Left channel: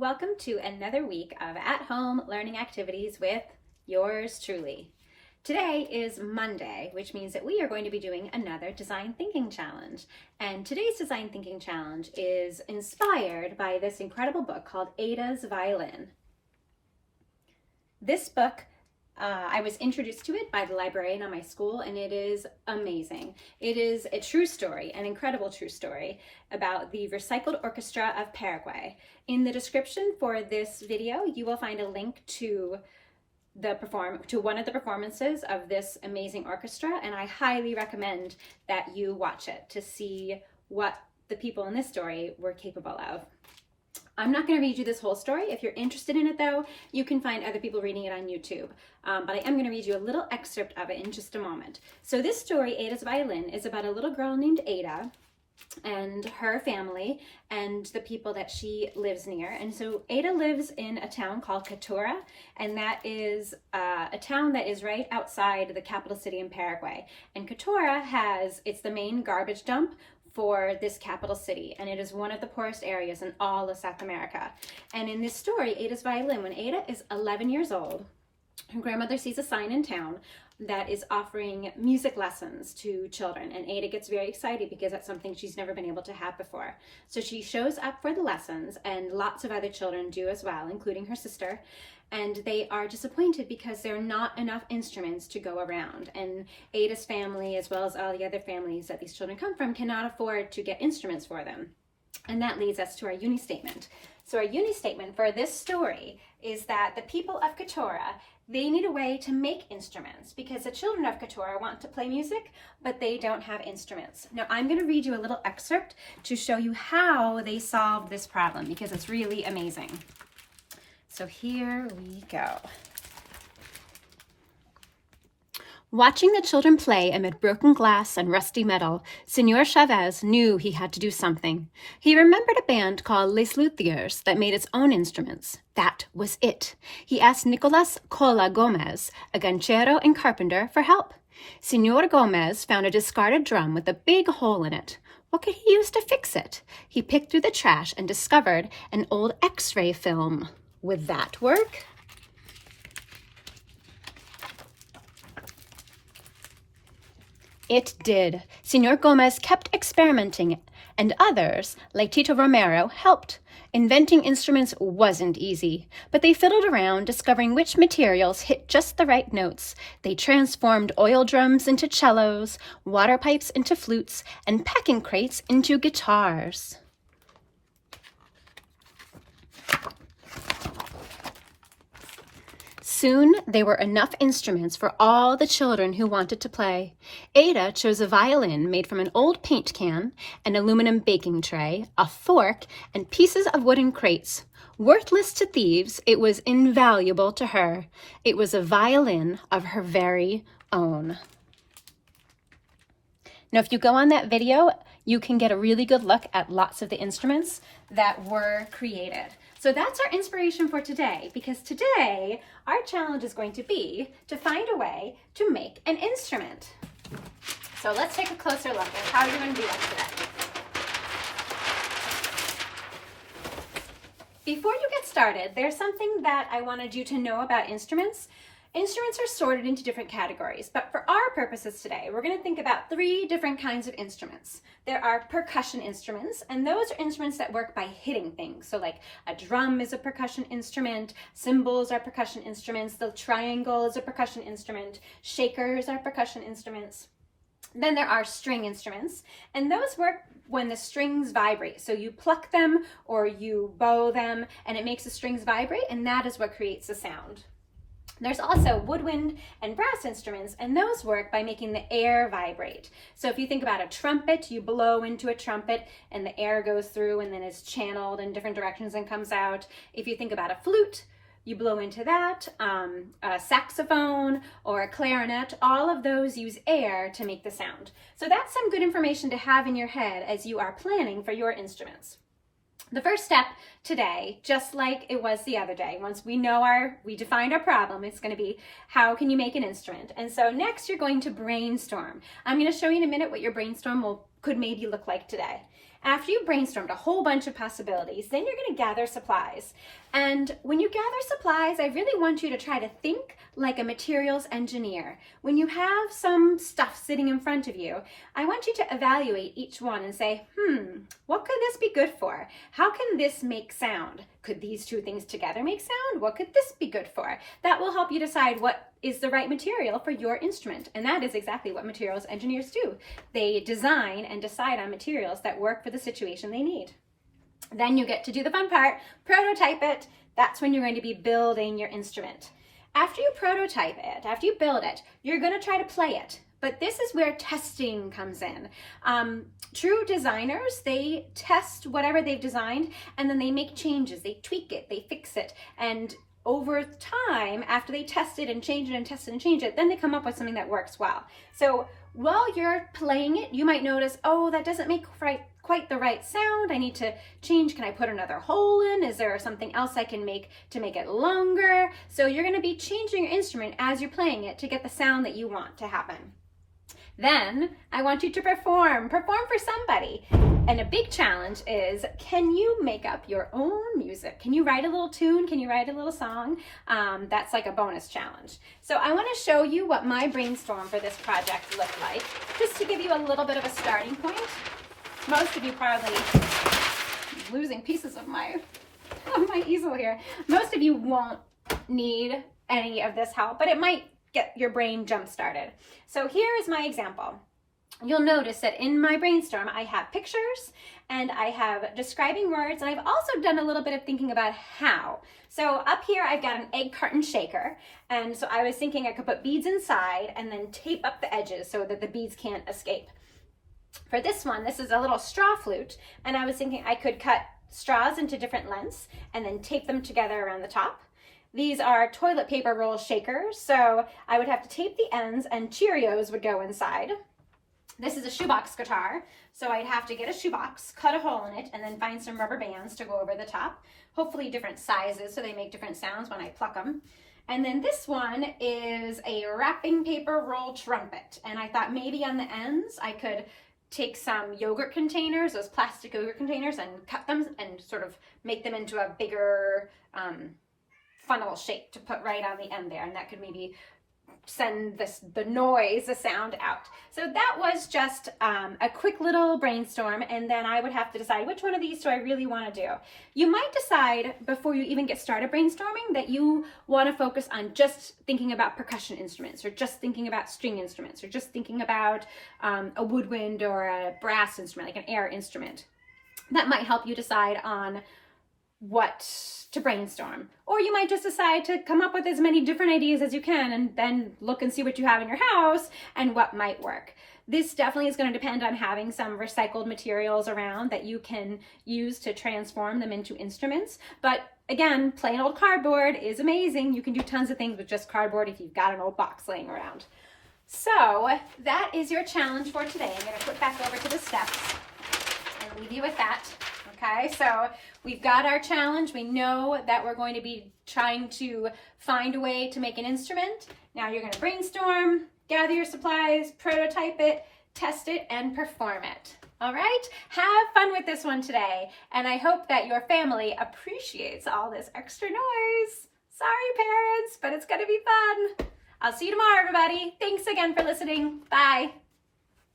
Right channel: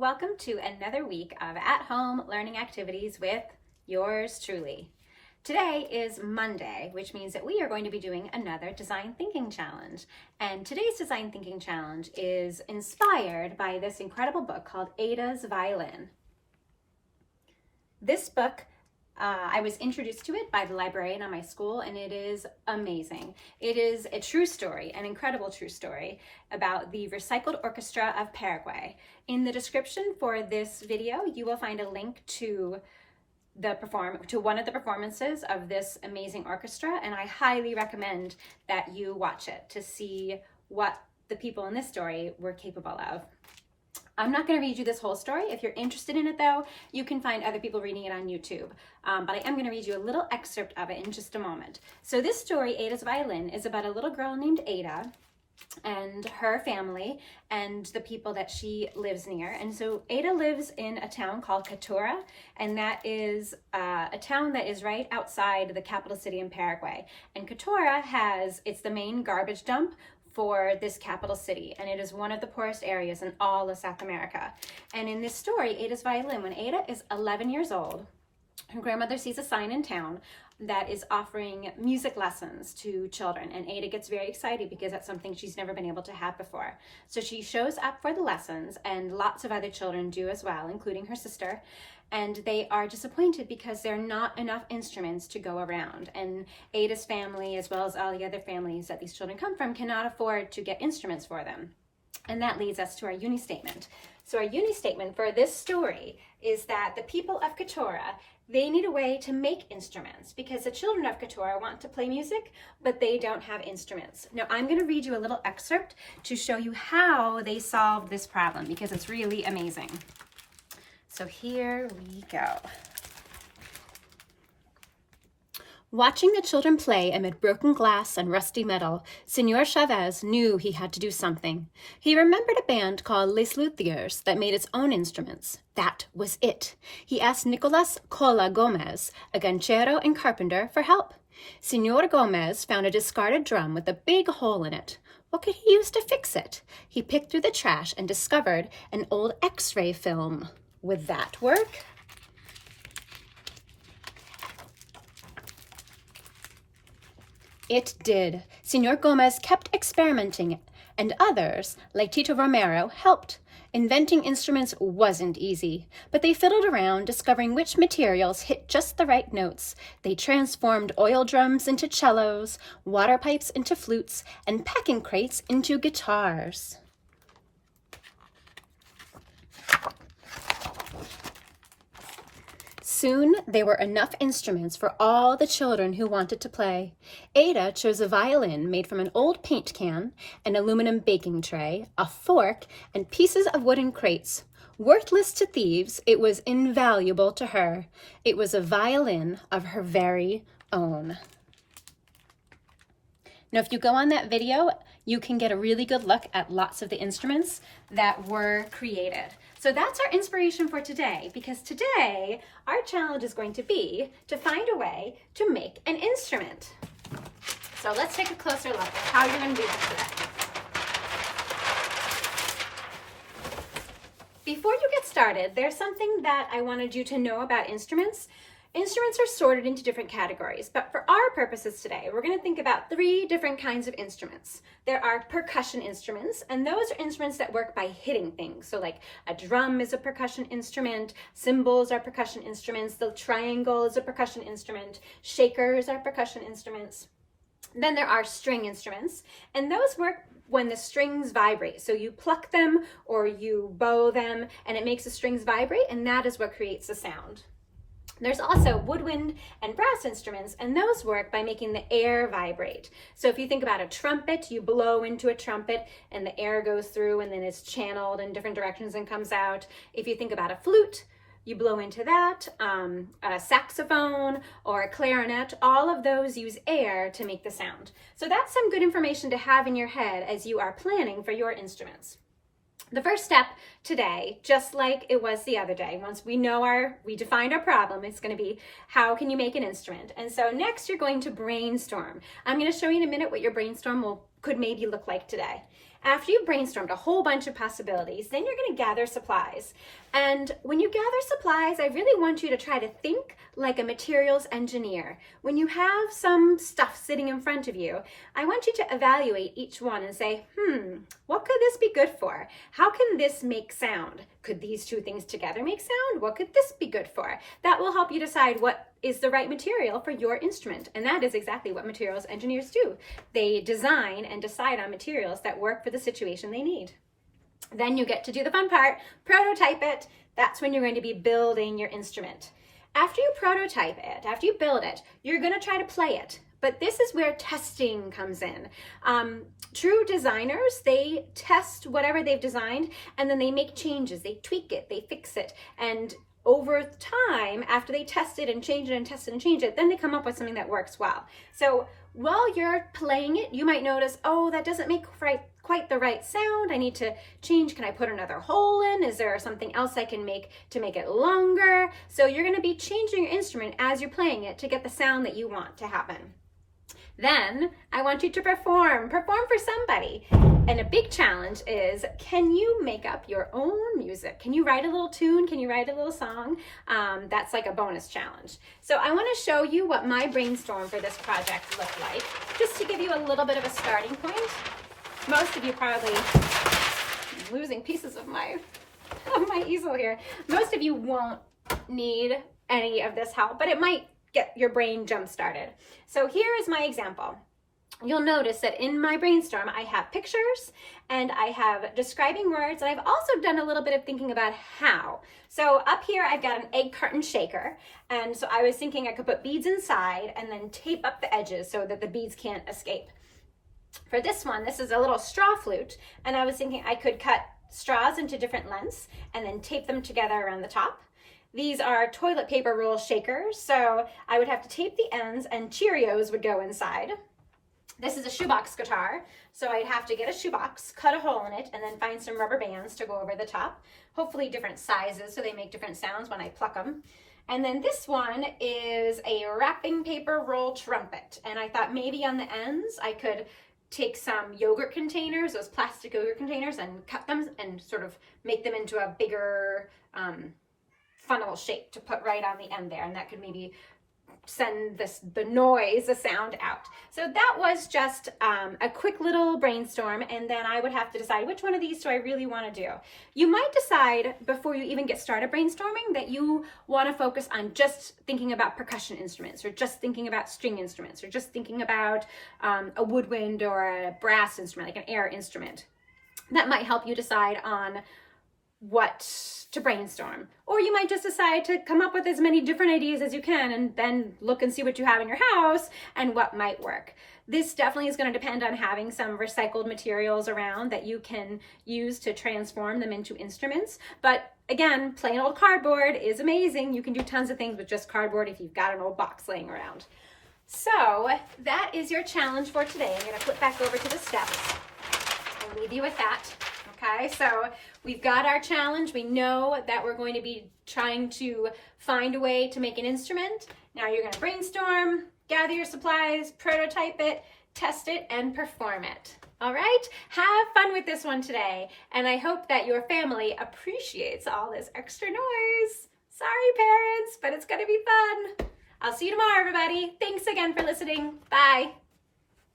welcome to another week of at-home learning activities with yours truly. Today is Monday, which means that we are going to be doing another design thinking challenge. And today's design thinking challenge is inspired by this incredible book called Ada's Violin. This book, I was introduced to it by the librarian at my school, and it is amazing. It is a true story, an incredible true story about the Recycled Orchestra of Paraguay. In the description for this video, you will find a link to one of the performances of this amazing orchestra, and I highly recommend that you watch it to see what the people in this story were capable of. I'm not going to read you this whole story. If you're interested in it, though, you can find other people reading it on YouTube. But I am going to read you a little excerpt of it in just a moment. So this story, Ada's Violin, is about a little girl named Ada and her family and the people that she lives near. And so Ada lives in a town called Catura, and that is a town that is right outside the capital city in Paraguay. And Catura it's the main garbage dump for this capital city, and it is one of the poorest areas in all of South America. And in this story, Ada's Violin, when Ada is 11 years old, her grandmother sees a sign in town that is offering music lessons to children, and Ada gets very excited because that's something she's never been able to have before. So she shows up for the lessons, and lots of other children do as well, including her sister, and they are disappointed because there are not enough instruments to go around. And Ada's family, as well as all the other families that these children come from, cannot afford to get instruments for them. And that leads us to our Uni Statement. So our Uni Statement for this story is that the people of Catura, they need a way to make instruments because the children of Catura want to play music, but they don't have instruments. Now I'm going to read you a little excerpt to show you how they solved this problem because it's really amazing. So here we go. Watching the children play amid broken glass and rusty metal, Senor Chavez knew he had to do something. He remembered a band called Les Luthiers that made its own instruments. That was it. He asked Nicolas Cola Gomez, a ganchero and carpenter, for help. Senor Gomez found a discarded drum with a big hole in it. What could he use to fix it? He picked through the trash and discovered an old X-ray film. Would that work? It did. Senor Gomez kept experimenting, and others, like Tito Romero, helped. Inventing instruments wasn't easy, but they fiddled around, discovering which materials hit just the right notes. They transformed oil drums into cellos, water pipes into flutes, and packing crates into guitars. Soon, there were enough instruments for all the children who wanted to play. Ada chose a violin made from an old paint can, an aluminum baking tray, a fork, and pieces of wooden crates. Worthless to thieves, it was invaluable to her. It was a violin of her very own. Now, if you go on that video, you can get a really good look at lots of the instruments that were created. So that's our inspiration for today, because today our challenge is going to be to find a way to make an instrument. So let's take a closer look at how you're going to do that today. Before you get started, there's something that I wanted you to know about instruments. Instruments are sorted into different categories, but for our purposes today, we're going to think about 3 different kinds of instruments. There are percussion instruments, and those are instruments that work by hitting things. So like a drum is a percussion instrument, cymbals are percussion instruments, the triangle is a percussion instrument, shakers are percussion instruments. Then there are string instruments, and those work when the strings vibrate. So you pluck them or you bow them, and it makes the strings vibrate, and that is what creates the sound. There's also woodwind and brass instruments, and those work by making the air vibrate. So if you think about a trumpet, you blow into a trumpet and the air goes through and then it's channeled in different directions and comes out. If you think about a flute, you blow into that. A saxophone or a clarinet, all of those use air to make the sound. So that's some good information to have in your head as you are planning for your instruments. The first step today, just like it was the other day, once we defined our problem, it's going to be how can you make an instrument? And so next you're going to brainstorm. I'm going to show you in a minute what your brainstorm could maybe look like today. After you brainstormed a whole bunch of possibilities, then you're going to gather supplies. And when you gather supplies, I really want you to try to think like a materials engineer. When you have some stuff sitting in front of you, I want you to evaluate each one and say, what could this be good for? How can this make sound? Could these two things together make sound? What could this be good for? That will help you decide what is the right material for your instrument. And that is exactly what materials engineers do. They design and decide on materials that work for the situation they need. Then you get to do the fun part, prototype it. That's when you're going to be building your instrument. After you prototype it, after you build it, you're going to try to play it. But this is where testing comes in. True designers, they test whatever they've designed and then they make changes, they tweak it, they fix it. And over time, after they test it and change it and test it and change it, then they come up with something that works well. So while you're playing it, you might notice, oh, that doesn't make quite the right sound. I need to change. Can I put another hole in? Is there something else I can make to make it longer? So you're going to be changing your instrument as you're playing it to get the sound that you want to happen. Then I want you to perform for somebody. And a big challenge is, can you make up your own music? Can you write a little tune? Can you write a little song? That's like a bonus challenge. So I want to show you what my brainstorm for this project looked like, just to give you a little bit of a starting point. Most of you probably, I'm losing pieces of my easel here. Most of you won't need any of this help, but it might get your brain jump started. So here is my example. You'll notice that in my brainstorm, I have pictures and I have describing words, and I've also done a little bit of thinking about how. So up here, I've got an egg carton shaker. And so I was thinking I could put beads inside and then tape up the edges so that the beads can't escape. For this one, this is a little straw flute. And I was thinking I could cut straws into different lengths and then tape them together around the top. These are toilet paper roll shakers, so I would have to tape the ends and Cheerios would go inside. This is a shoebox guitar, so I'd have to get a shoebox, cut a hole in it, and then find some rubber bands to go over the top. Hopefully different sizes so they make different sounds when I pluck them. And then this one is a wrapping paper roll trumpet, and I thought maybe on the ends I could take some yogurt containers, those plastic yogurt containers, and cut them and sort of make them into a bigger funnel shape to put right on the end there, and that could maybe send the sound out. So that was just a quick little brainstorm, and then I would have to decide which one of these do I really want to do. You might decide before you even get started brainstorming that you want to focus on just thinking about percussion instruments, or just thinking about string instruments, or just thinking about a woodwind or a brass instrument, like an air instrument. That might help you decide on what to brainstorm. Or you might just decide to come up with as many different ideas as you can and then look and see what you have in your house and what might work. This definitely is going to depend on having some recycled materials around that you can use to transform them into instruments. But again, plain old cardboard is amazing. You can do tons of things with just cardboard if you've got an old box laying around. So that is your challenge for today. I'm going to flip back over to the steps and leave you with that. Okay, so we've got our challenge. We know that we're going to be trying to find a way to make an instrument. Now you're going to brainstorm, gather your supplies, prototype it, test it, and perform it. All right, have fun with this one today, and I hope that your family appreciates all this extra noise. Sorry, parents, but it's going to be fun. I'll see you tomorrow, everybody. Thanks again for listening. Bye.